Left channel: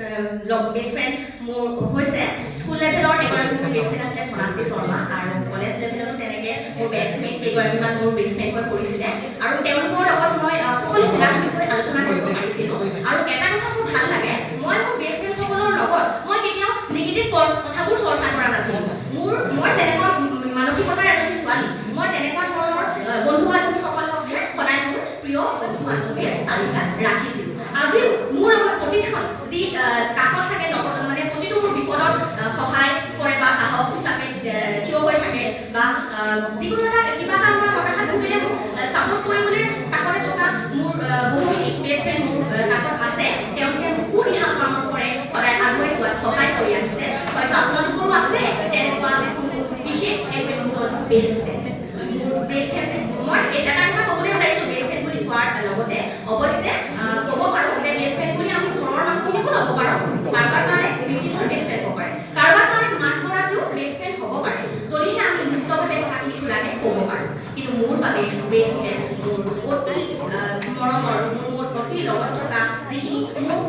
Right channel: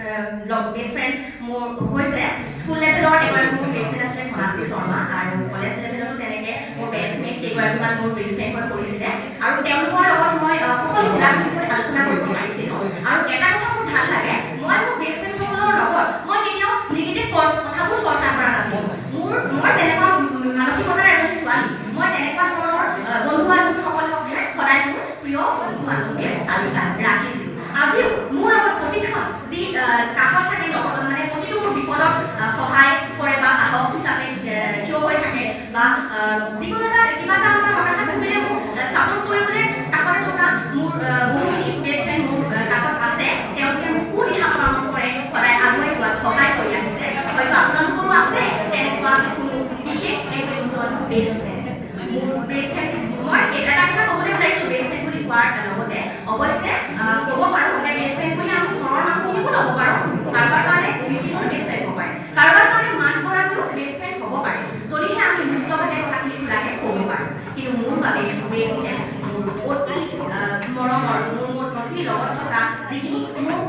best friend মোৰ হৈছে school লেভেলৰ এগৰাকী মোৰ বেষ্ট ফ্ৰেণ্ড আছিলে ধনাশ্ৰী শৰ্মা আৰু কলেজ লেভেলত তেনেকৈ মোৰ বেষ্টমেট কেইগৰাকীমান মোৰ বেষ্ট ফ্ৰেণ্ড হৈ পৰিছিলে আৰু তেওঁলোকৰ লগত মই সকলো কিতাপসমূহ আলোচনা কৰিব পাৰিছিলোঁ আৰু এটা কথা মোৰ ভাল লাগে মই মোৰ বেষ্ট ফ্ৰেণ্ডসকলৰ লগত মই কেতিয়াও নিগেটিভ কথাবোৰ চৰ্চা কৰা নাছিলোঁ মই তেনেকুৱা মানসিকতাৰ এজনী ছোৱালী মই তেনেকুৱা ধৰণৰ বন্ধু বান্ধৱীসকলক সদায় মোৰ প্ৰিয় বন্ধু বান্ধৱীৰ তালিকাত ৰাখিছিলোঁ আজিও মোৰ লগত প্ৰতিখন যি কাষত থাকে মানে প্ৰতিটো মোৰ বিপদত সহায় কৰে বা সাহস হিচাপে থিয় হৈ থাকে বা যিকোনো এটা কিবা এটা আমাৰ হতাশাত ভুগিলে মোক ছাপোৰ্ট কৰিবলৈ কাষতে থকা মোৰ বহুখিনি বেষ্ট ফ্ৰেণ্ড মোৰ কাষত আছে তেওঁলোকে মোক সুদিহা পৰামৰ্শ কৰে সদায় আগুৱাই যোৱাত সহায় কৰি আহিছে হয়তো আপোনালোকৰো আছে তেনেকুৱা কোনো বিশেষ বেষ্ট ফ্ৰেণ্ড মোৰ বেষ্ট ফ্ৰেণ্ড মই এটা কথা ক'বলৈ ওলাইছোঁ বেষ্ট ফ্ৰেণ্ড বুলি কোৱাৰ লগতে অৱশ্যে ক'ব পাৰোঁ যে বেষ্ট ফ্ৰেণ্ড বুলি আমি ঘৰৰ মানুহখিনিকো ল'ব পাৰোঁ কাৰোবাৰ কাৰণে ব্যক্তিগত বেষ্ট ফ্ৰেণ্ড হ'ব পাৰে কাৰোবাৰ কাৰণে মাক গৰাকীও বেষ্ট ফ্ৰেণ্ড হ'ব পাৰে যদিহে আমি মুক্তভাৱে কথাখিনি খোলাকৈ ক'ব পাৰোঁ কিন্তু মোৰ বাবে বেষ্ট ফ্ৰেণ্ড মোৰ অতি মৰমৰ মোৰ অতি লগত থকা যিখিনি মোৰ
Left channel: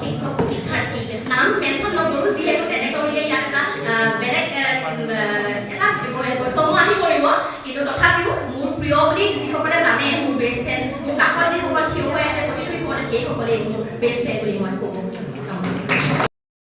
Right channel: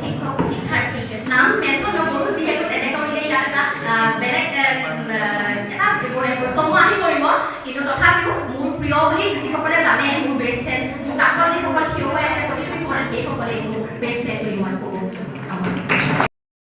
শিক্ষক শিক্ষাৰ্থী নাম মেনশ্যন নকৰোঁ যিহেতু তেনে কৰিলে ইয়াত এটা বেলেগ এটা বৰ্তমানী কৰিব কিন্তু তথাপিও মোৰ প্ৰিয় বুলি যিসকলে জানে মোৰ বেষ্ট ফ্ৰেণ্ড মোৰ কাষত যিসকল থিয় হৈ আছে প্ৰতিটো বিপদত সেইসকলেই মোৰ বেষ্ট ফ্ৰেণ্ড